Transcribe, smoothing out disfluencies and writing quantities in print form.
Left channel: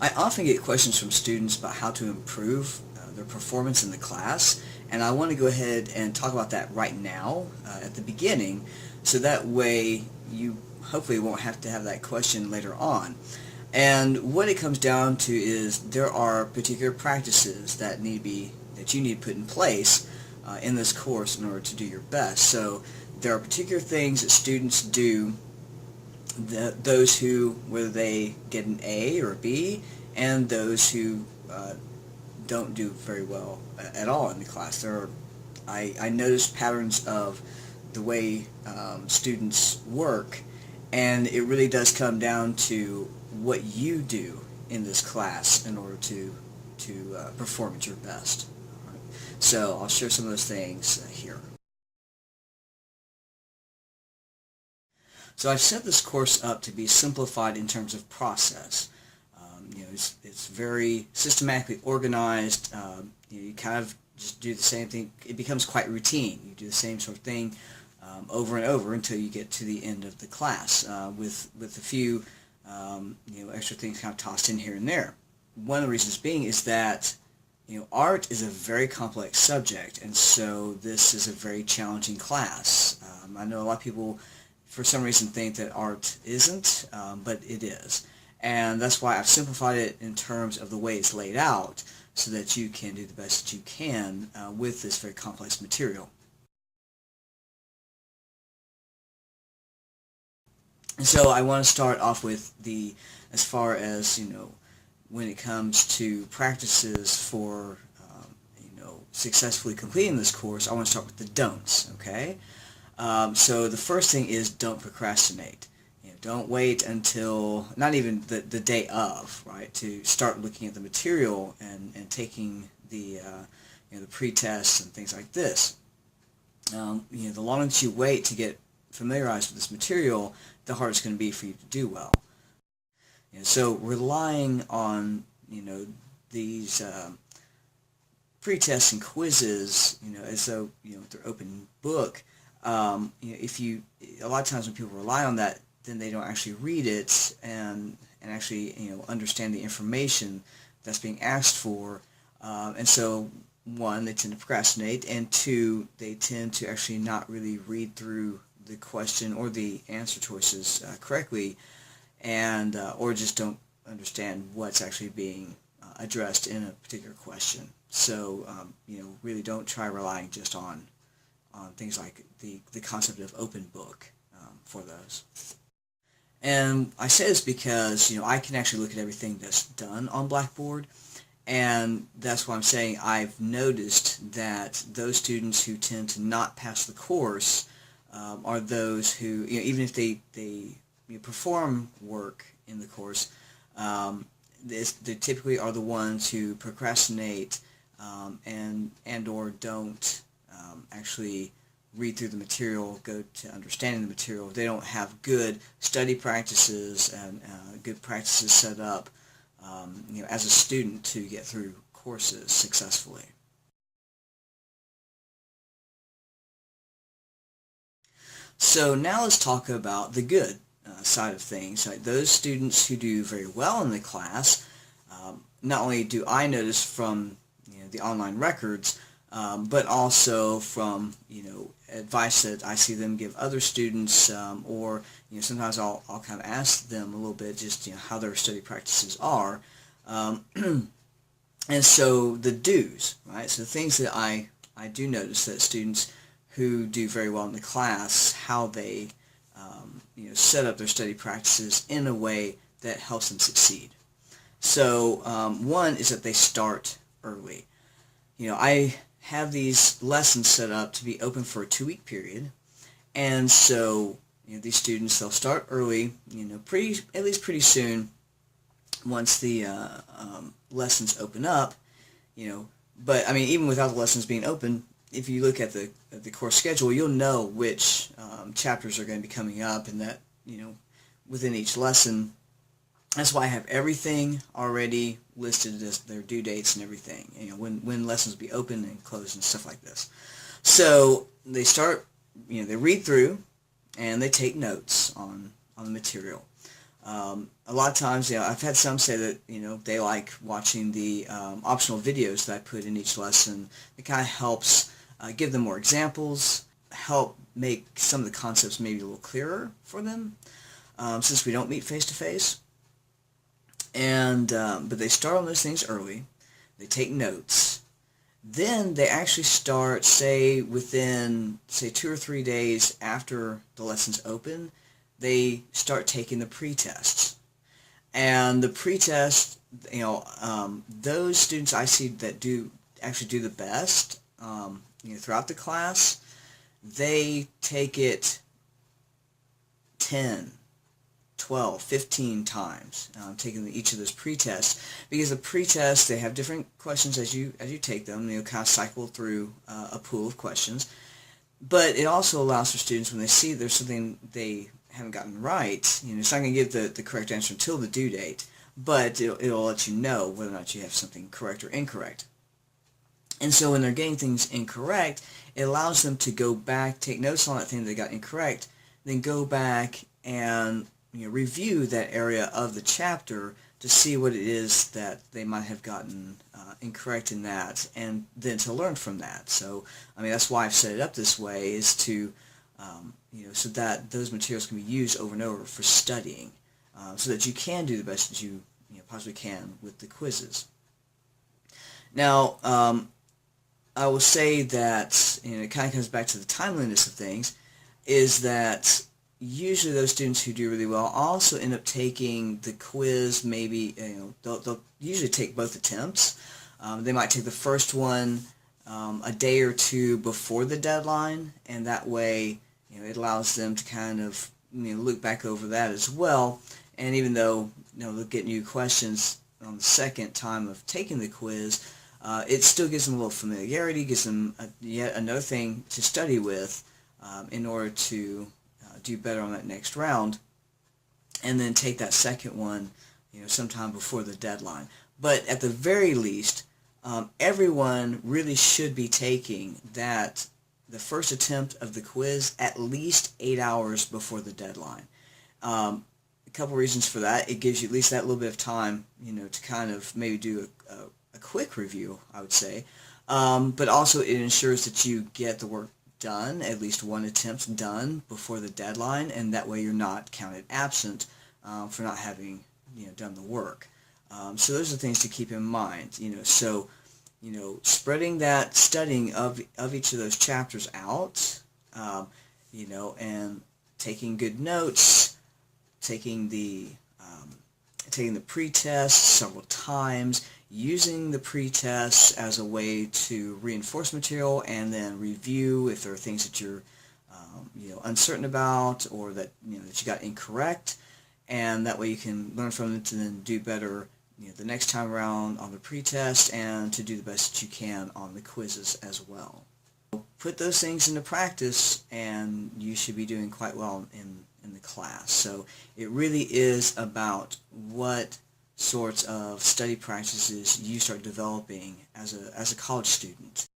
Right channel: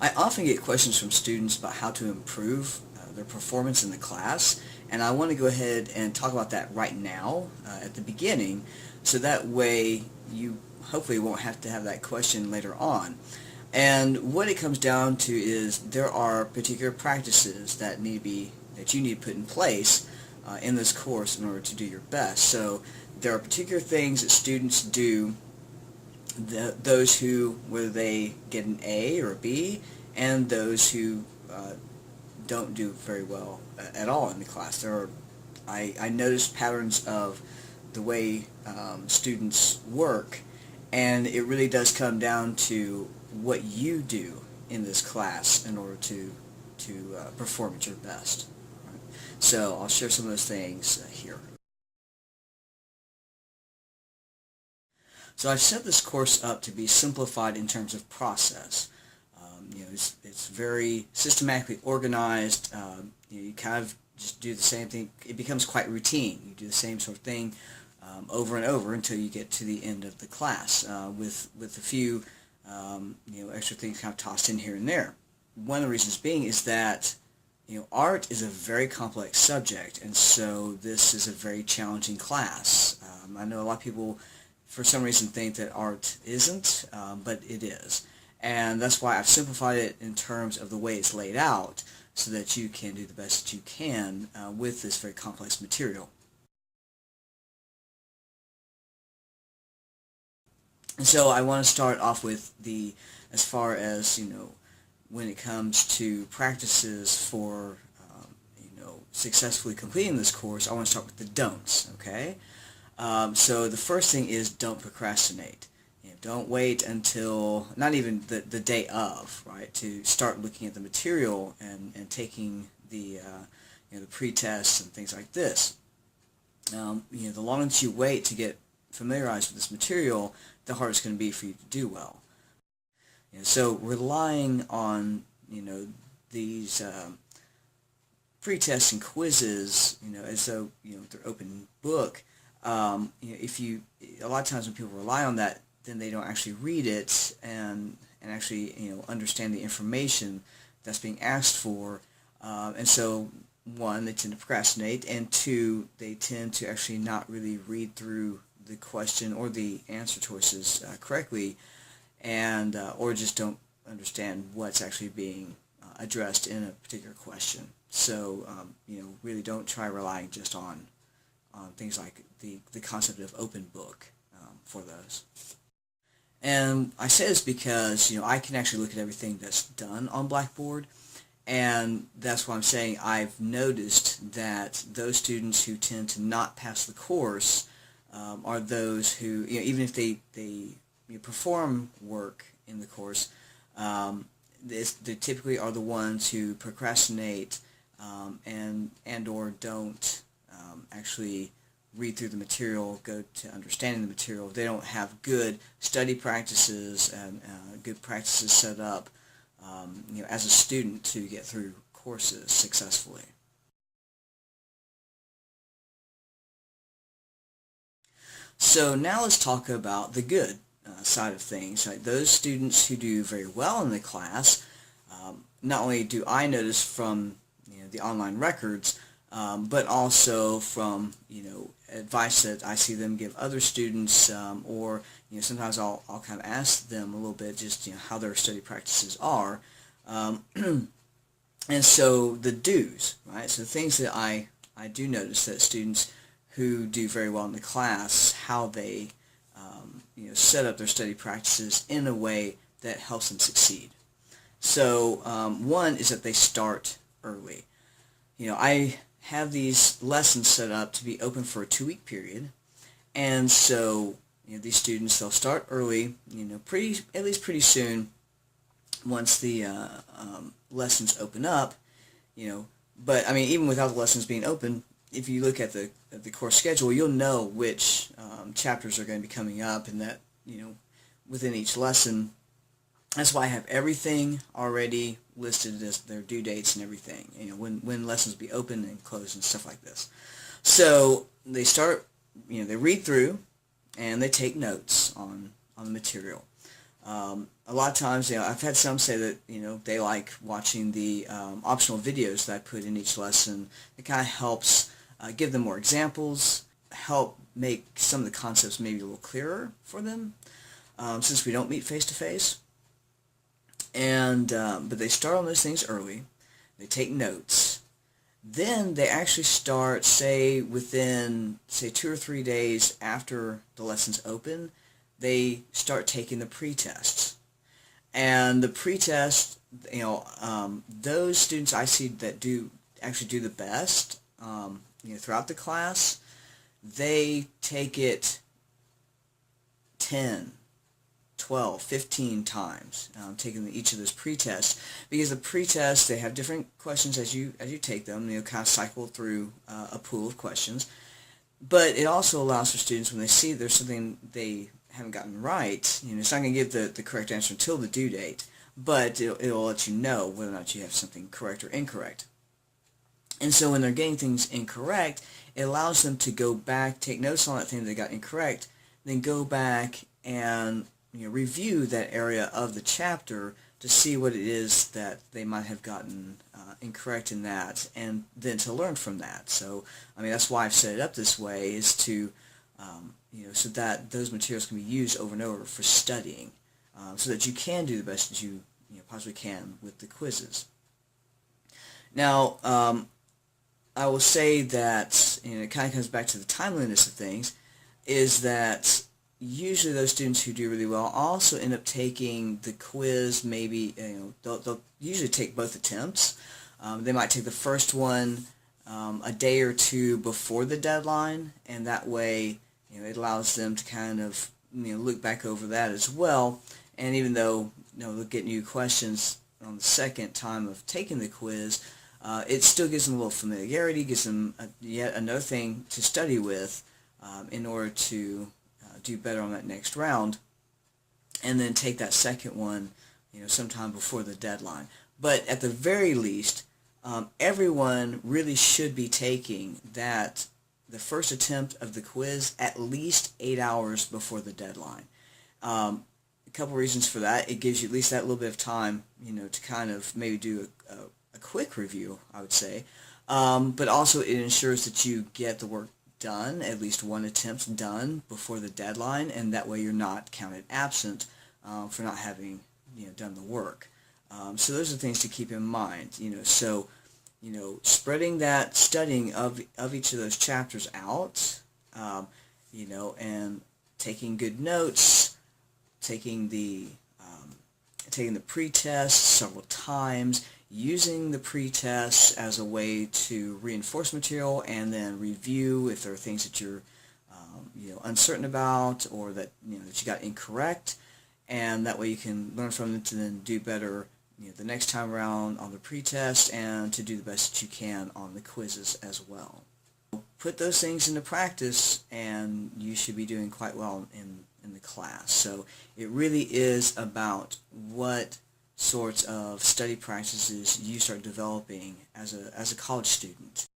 I often get questions from students about how to improve their performance in the class, and I want to go ahead and talk about that right now at the beginning, so that way you hopefully won't have to have that question later on. And what it comes down to is there are particular practices that you need to put in place in this course in order to do your best. So there are particular things that students do, those who, whether they get an A or a B, and those who don't do very well at all in the class. I noticed patterns of the way students work, and it really does come down to what you do in this class in order to perform at your best. All right. So I'll share some of those things here. So I've set this course up to be simplified in terms of process. It's very systematically organized. You kind of just do the same thing. It becomes quite routine. You do the same sort of thing over and over until you get to the end of the class, with a few extra things kind of tossed in here and there. One of the reasons being is that art is a very complex subject, and so this is a very challenging class. I know a lot of people for some reason think that art isn't, but it is. And that's why I've simplified it in terms of the way it's laid out so that you can do the best that you can with this very complex material. And so I want to start off with as far as, when it comes to practices for, successfully completing this course, I want to start with the don'ts, okay? So the first thing is don't procrastinate. Don't wait until, not even the day of, right, to start looking at the material and taking the pre-tests and things like this. The longer that you wait to get familiarized with this material, the harder it's going to be for you to do well. So relying on these pre-tests and quizzes, as though they're open book. If you, a lot of times when people rely on that, then they don't actually read it and actually understand the information that's being asked for, and so one, they tend to procrastinate, and two, they tend to actually not really read through the question or the answer choices correctly, and or just don't understand what's actually being addressed in a particular question. So really don't try relying just on things like the concept of open book for those. And I say this because I can actually look at everything that's done on Blackboard, and that's why I'm saying I've noticed that those students who tend to not pass the course are those who, even if they perform work in the course, they typically are the ones who procrastinate and or don't actually read through the material, go to understanding the material. They don't have good study practices and good practices set up as a student to get through courses successfully. So now let's talk about the good side of things. Right? Those students who do very well in the class, not only do I notice from the online records, but also from advice that I see them give other students, or sometimes I'll kind of ask them a little bit just how their study practices are, and so the do's, right? So the things that I do notice that students who do very well in the class, how they set up their study practices in a way that helps them succeed. So one is that they start early. I have these lessons set up to be open for a 2-week period, and so these students, they'll start early, at least pretty soon once the lessons open up, but I mean, even without the lessons being open, if you look at the course schedule, you'll know which chapters are going to be coming up, and that within each lesson. That's why I have everything already listed as their due dates and everything, when lessons will be open and closed and stuff like this. So they start, they read through and they take notes on the material. A lot of times, I've had some say that, they like watching the optional videos that I put in each lesson. It kind of helps give them more examples, help make some of the concepts maybe a little clearer for them, since we don't meet face-to-face. And but they start on those things early. They take notes. Then they actually start, within 2 or 3 days after the lessons open, they start taking the pre-tests. And the pre-test, those students I see that actually do the best, throughout the class, they take it 10, 12, 15 times, taking each of those pre-tests, because the pre-tests, they have different questions as you take them, kind of cycle through a pool of questions. But it also allows for students, when they see there's something they haven't gotten right, it's not going to give the correct answer until the due date, but it'll let you know whether or not you have something correct or incorrect. And so when they're getting things incorrect, it allows them to go back, take notes on that thing they got incorrect, then go back and review that area of the chapter to see what it is that they might have gotten incorrect in that, and then to learn from that. So, that's why I've set it up this way, is to, so that those materials can be used over and over for studying, so that you can do the best that you possibly can with the quizzes. Now, I will say that, it kind of comes back to the timeliness of things, is that usually those students who do really well also end up taking the quiz, maybe, they'll usually take both attempts. They might take the first one a day or two before the deadline, and that way, it allows them to kind of, look back over that as well. And even though, they'll get new questions on the second time of taking the quiz, it still gives them a little familiarity, gives them yet another thing to study with in order to do better on that next round, and then take that second one, sometime before the deadline. But at the very least, everyone really should be taking the first attempt of the quiz at least 8 hours before the deadline. A couple reasons for that. It gives you at least that little bit of time, to kind of maybe do a quick review, I would say. But also it ensures that you get the work done, at least one attempt done before the deadline, and that way you're not counted absent for not having done the work. So those are things to keep in mind. So spreading that studying of each of those chapters out, and taking good notes, taking the pre-test several times, using the pre-tests as a way to reinforce material, and then review if there are things that you're uncertain about, or that that you got incorrect, and that way you can learn from it to then do better the next time around on the pre-test, and to do the best that you can on the quizzes as well. Put those things into practice, and you should be doing quite well in the class. So it really is about what sorts of study practices you start developing as a college student.